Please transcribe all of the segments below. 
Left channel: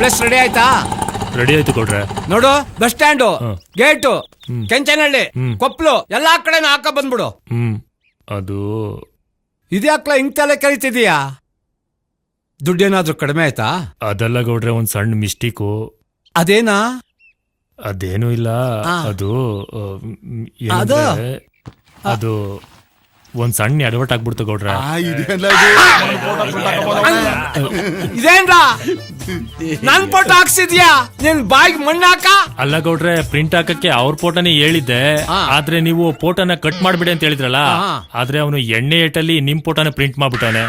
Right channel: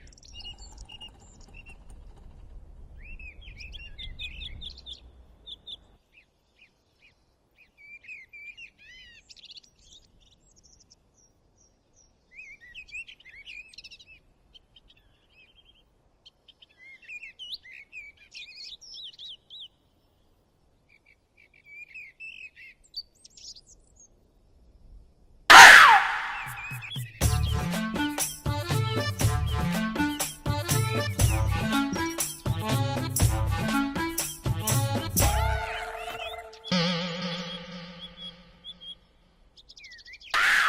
Place ready ಆಯ್ತಾ? Ready ಆಯ್ತು ಕೊಡ್ರೆ. ನೋಡು, ಬಸ್ ಸ್ಟ್ಯಾಂಡು, ಗೇಟು, ಕೆಂಚನಹಳ್ಳಿ, ಕೊಪ್ಪಲು ಎಲ್ಲಾ ಕಡೆನೂ ಹಾಕ ಬಂದ್ಬಿಡು. ಅದು ಇದ್ಯಾಕ್ಲ ಹಿಂಗ್ ತಲೆ ಕರಿತಿದೀಯಾ? ದುಡ್ಡೇನಾದ್ರೂ ಕಡಿಮೆ ಆಯ್ತಾ? ಅದೆಲ್ಲ ಗೌಡ್ರೆ, ಒಂದ್ ಸಣ್ಣ ಮಿಸ್ಟೇಕು. ಅದೇನಾ? ಅದೇನು ಇಲ್ಲ. ಅದು ಏನಂದ್ರೆ, ಅದು ಒಂದ್ ಸಣ್ಣ ಅಡವಟ್ ಆಗ್ಬಿಡ್ತು ಗೌಡ್ರೆ. ಇದೇನ್ರ ನನ್ ಫೋಟೋ ಹಾಕ್ಸಿದ್ಯಾ? ನಿನ್ ಬಾಯಿಗೆ ಮಣ್ಣಾಕ? ಅಲ್ಲ ಗೌಡ್ರೆ, ಪ್ರಿಂಟ್ ಹಾಕಕ್ಕೆ ಅವ್ರ ಫೋಟೋನೇ ಹೇಳಿದ್ದೆ. ಆದ್ರೆ ನೀವು ಫೋಟೋನ ಕಟ್ ಮಾಡ್ಬಿಡಿ ಅಂತ ಹೇಳಿದ್ರಲ್ಲ. ಆದ್ರೆ ಅವನು ಎಣ್ಣೆ ಏಟಲ್ಲಿ ನಿಮ್ ಫೋಟೋನ ಪ್ರಿಂಟ್ ಮಾಡ್ಬಿಟ್ಟಾನೆ.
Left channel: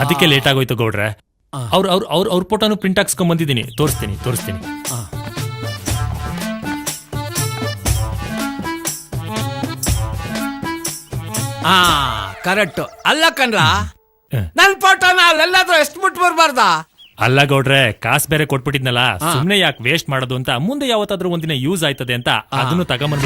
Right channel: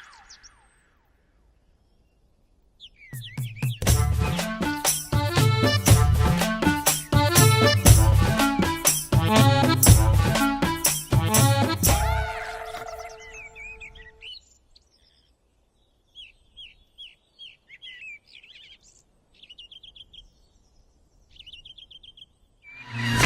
ಅದಕ್ಕೆ ಲೇಟ್ ಆಗೋಯ್ತು ಗೌಡ್ರೆ. ಅವ್ರ ಫೋಟೋನು ಪ್ರಿಂಟ್ ಹಾಕ್ಸ್ಕೊಂಡ್ ಬಂದಿದ್ದೀನಿ. ತೋರಿಸ್ತೀನಿ. ಕರೆಕ್ಟ್. ಅಲ್ಲ ಕಣ್ರ, ನನ್ ಫೋಟೋನ ಅಲ್ಲೆಲ್ಲಾದ್ರೂ ಎಷ್ಟು ಬಿಟ್ಟು ಬರ್ಬಾರ್ದ? ಅಲ್ಲ ಗೌಡ್ರೆ, ಕಾಸು ಬೇರೆ ಕೊಟ್ಬಿಟ್ಟಿದ್ನಲ್ಲ, ಸುಮ್ನೆ ಯಾಕೆ ವೇಸ್ಟ್ ಮಾಡೋದು ಅಂತ, ಮುಂದೆ ಯಾವತ್ತಾದ್ರೂ ಒಂದಿನ ಯೂಸ್ ಆಯ್ತದೆ ಅಂತ ಅದನ್ನು ತಗೊಂಬಂದ.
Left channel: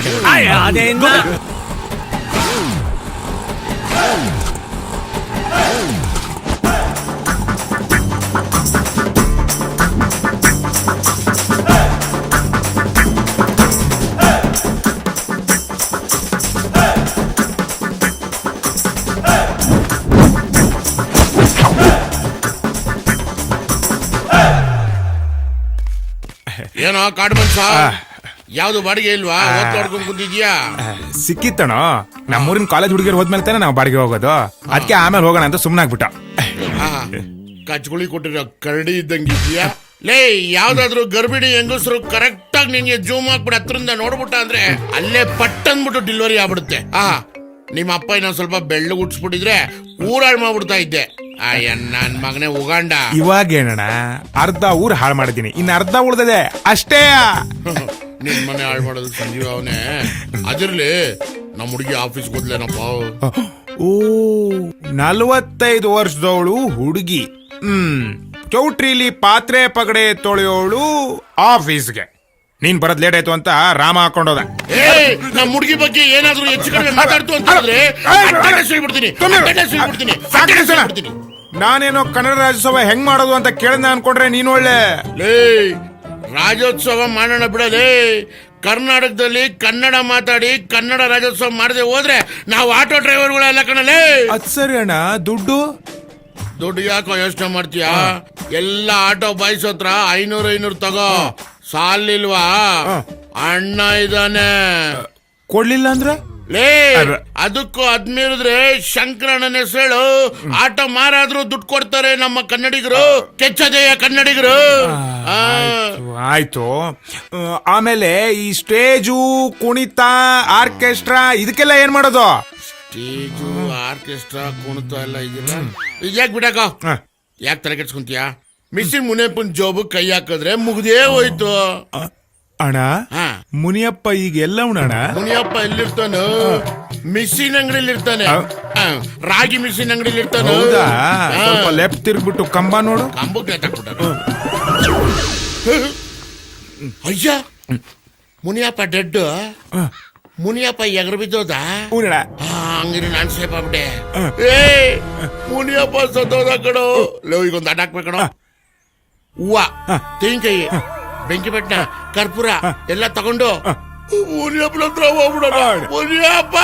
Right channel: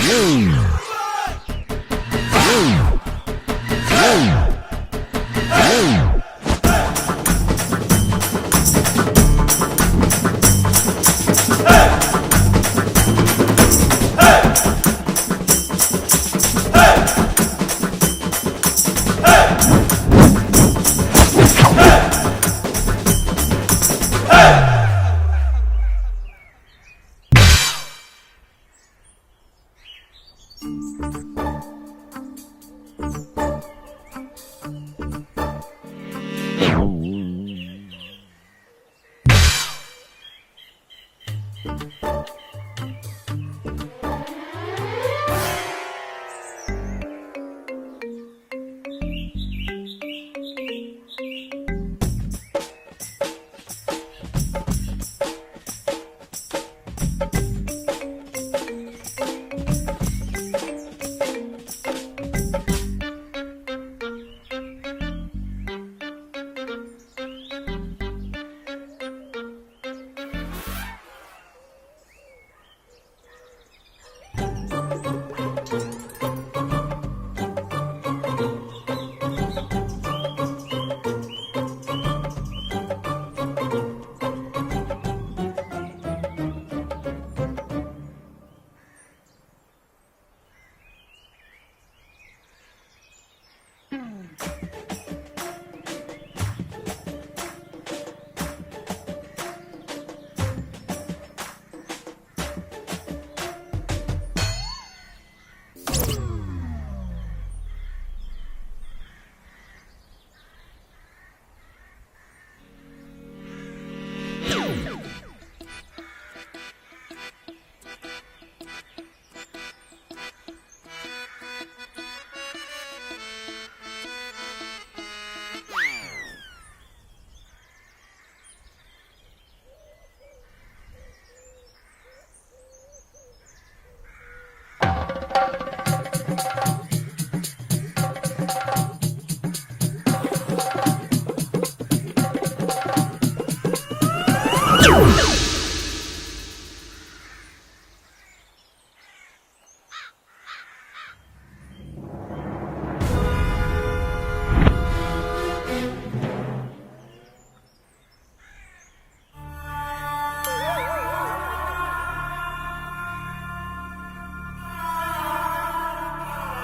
ಏನೋ ಕಾಡ್ಬೇಕ? ಯಾವ್ದು ಬಾಡಿಗೆ ಇಲ್ವಾ? ಓದ್ಕೊಂಡು ಕೂತಿದ್ಯಾ? ಸಿಕ್ಕಿತ್ತಣ. ನಮ್ಮೂರಿನ ಕಾಲೇಜ್ ಹುಡುಗಿರು ಹೋದ್ಮೇಲೆ ತಾನೆ ನಾವು ಬಾಡಿಗೆ ಹೋಗೋದು. ಅದಕ್ಕೆ ಆಮೇಲೆ ಹೋಗೋಣ ಅಂತ ಸುಮ್ಮನಾಗ್ಬಿಟ್ಟ. ಕಚ್ಗುಳಿ ಕೊಟ್ಟಿರೋ ಕರಡಿ ಇದ್ದಂಗಿದ್ಯಾ? ಲೇ, ಯಾವ್ದಾದ್ರು ಗರ್ಭಿಣಿ ಹೆಂಗಸರು ಕರೆಕ್ಟ್ ಆಗಿ ನಿನ್ಗೆ ಜೂಮ್ ಹಾಕ್ಬಿಟ್ಟು ಹತ್ರದಿಂದ ನೋಡ್ಬಿಟ್ಟ ಅಂದ್ರೆ ಅಲ್ಲೇ ಪಟ್ ಅಂದ್ಬಿಟ್ಟು ಡೆಲಿವರಿ ಆಗ್ಬಿಡುತ್ತೆ. ನಿಮ್ಮ ಅಪ್ಪ ಇನ್ನೊಂದ್ ಸ್ವಲ್ಪ ಬೆಳ್ಳು ಉಡ್ಸ್ಬಿಟ್ಟಿದ್ರೆ ಊರಾಳ್ ಮಾಡ್ಬಿಡ್ತಾ ಇದ್ದೆ. ನನ್ ಮಗನೇ ಉಗಾಂಡ. ಇವಾಗೇನಣ್ಣ, ಅರ್ಧ ಊರ್ ಹಾಳು ಮಾಡಿದೀನಿ, ಇನ್ನು ಅರ್ಧ ಉಳ್ದದೆ ಅಷ್ಟೇ. ನಿನ್ ಮನೆ ಹಾಳು ಮಾಡೋದು ಸಂಜೀವ ಅವನೇ. ಅದಿರ್ಲಿ, ನಮ್ಮ ಹುಡುಗಿ ಆಫೀಸ್ ಹೋದ್ಲೇನಪ್ಪ? ಓ, 45 ವರ್ಷದವಳು ಹುಡುಗಿ. ಚೌಟ್ರಿಲಿ ಪಾತ್ರೆ ಪಗಡೆ ತೊಳೆಯೋಳು ಆಫೀಸ್ಗೆ. ನೀನ್ ಬರೋದ್ ಲೇಟ್ ಆಯ್ತು ಅಂತ ರಾಮ ಹಾಕೊಂಡೋದ. ನಮ್ಮ ಹುಡುಗಿ ಬಗ್ಗೆ ಏನಾದ್ರೂ ಹೆಚ್ಚು ಕಡಿಮೆ ಮಾತಾಡ್ತು ಅಂತ ನಾನೇನೋ ಕನ್ನಡ ರಾಜ್ಯೋತ್ಸವ ಹೆಂಗ್ ಮಾಡೋದು ಅಂತ ಕೇಳಿದ ಅನ್ಕೊಂಡ್ರೆ ನೀನ್ ಒಳ್ಳೆ. ರಾಜ್ಯೋತ್ಸವ ಮಾಡೋಣ ಬಿಡಲೇ. ಕರ್ನಾಟಕದಲ್ಲಿ ಕನ್ನಡ ಮಾತಾಡಿ ಕನ್ನಡ ರಾಜ್ಯೋತ್ಸವ ಮಾಡದೆ ಹೋದ್ರೆ ನಾವು ಆಟೋ ಡ್ರೈವರ್ಗಳೆಲ್ಲ ಕಣಲೇ. ಅದ್ ಸರಿ ಅಣ್ಣ. ದುಡ್ಡು ಯಾಕೋ ಯೋಚನೆ ಮಾಡ್ತೀಯಾ? ಎಲ್ಲ ಆಟೋ ಬಾಯ್ಸ್ ಹತ್ರ 500 ತಗೋ. ಸಾಲಿಲ್ವಾ? ಅಣ್ಣ ಇದಾನೆ, ಕೊಡ್ಲಿಲ್ಲ ಅಂದ್ರ ಲೇ. ಅದಕ್ಕೂ ಅದ್ಮೀರಿದ್ರೆ ಶಂಕರಣ್ಣನ ಹೆಸರು. ಆಟೋ ಮಾರಾದ್ರೂ ದುಡ್ಡು ಕೊಡ್ತಾರೆ ನಮ್ಮ ಕನ್ನಡಿಗರು. ಕೆಚ್ಚದೆಯ ಕನ್ನಡಿಗರು. ಆಯ್ತು. ಆಮೇಲೆ ಈ ಸ್ಟೇಜು, ಕುಣಿತ, ಆರ್ಕೆಸ್ಟ್ರಾ ಇದಕ್ಕೆಲ್ಲ ಏನ್ ಮಾಡೋದು? ಸ್ಟೇಜು, ಆರ್ಕೆಸ್ಟ್ರಾ, ಕುಣಿತ ಎಲ್ಲ ಇದೆಲ್ಲ ಇದ್ಯಾಕ್ ಬಿಡಕ? ಯಾಕೆ ತಲೆ ಕೆಡ್ಸ್ಕೊಂತೀಯ? ಮಿಸ್ಸಿನ್ ಮುನಿಯಪ್ಪನ ಜೋಬು ಕೈ ಹಾಕಿದ್ರೆ ಮುಗ್ದೇ ಹೋಯ್ತು. ಅಣ್ಣ, ಮುನಿಯಪ್ಪ ಈಗ ಎಲ್ಲ ಅಣ್ಣ? ಮುನಿಯಪ್ಪ ಎಲ್ಲಿರ್ತಾನು? ಮಿಸ್ಸಿನ್ ಅಂಗಡಿಲಿ ಇರ್ತಾನೆ. ರಾಗಿ ಮಿಸ್ಸಿನ್ ಅಂಗಡಿಲಿ ಇರ್ತಾನೆ. ಲೆಫ್ಟ್ ತಿರ್ಗ್ಬಿಟ್ಟು ಕಂಬ ನೋಡು. ಕಂಬಕ್ಕೆ ಅಯ್ಯ, ಮುನಿಯಪ್ಪ ಡೆಡ್. ಮುನಿಯಪ್ಪ ಎಗರು ಬಿದ್ದೋದ? ಹಂಗಿರಿ ನಾನ್ ಸೇಫ್ ಆಗ್ಬಿಟ್ಟೆ. ಮುನಿಯಪ್ಪ ಸತ್ತೋದ ಕಣೋ. ಲೋ, ಈಗೊಂದು ಅಡ್ಡ ಹಾಕ್ಬೇಕಣ. ಹೂವ, ತೆಂಗಿನಕಾಯಿ, ಬೆಂಕಿ ಪಟ್ಟಣ, ಕರ್ಪೂರ ಎಲ್ಲ ತಗೊಂಡು ಮುನಿಯಪ್ಪನ ಹತ್ರ ಹೋಗ್ಬಿಡೋಣ. ಮುನಿಯಪ್ಪ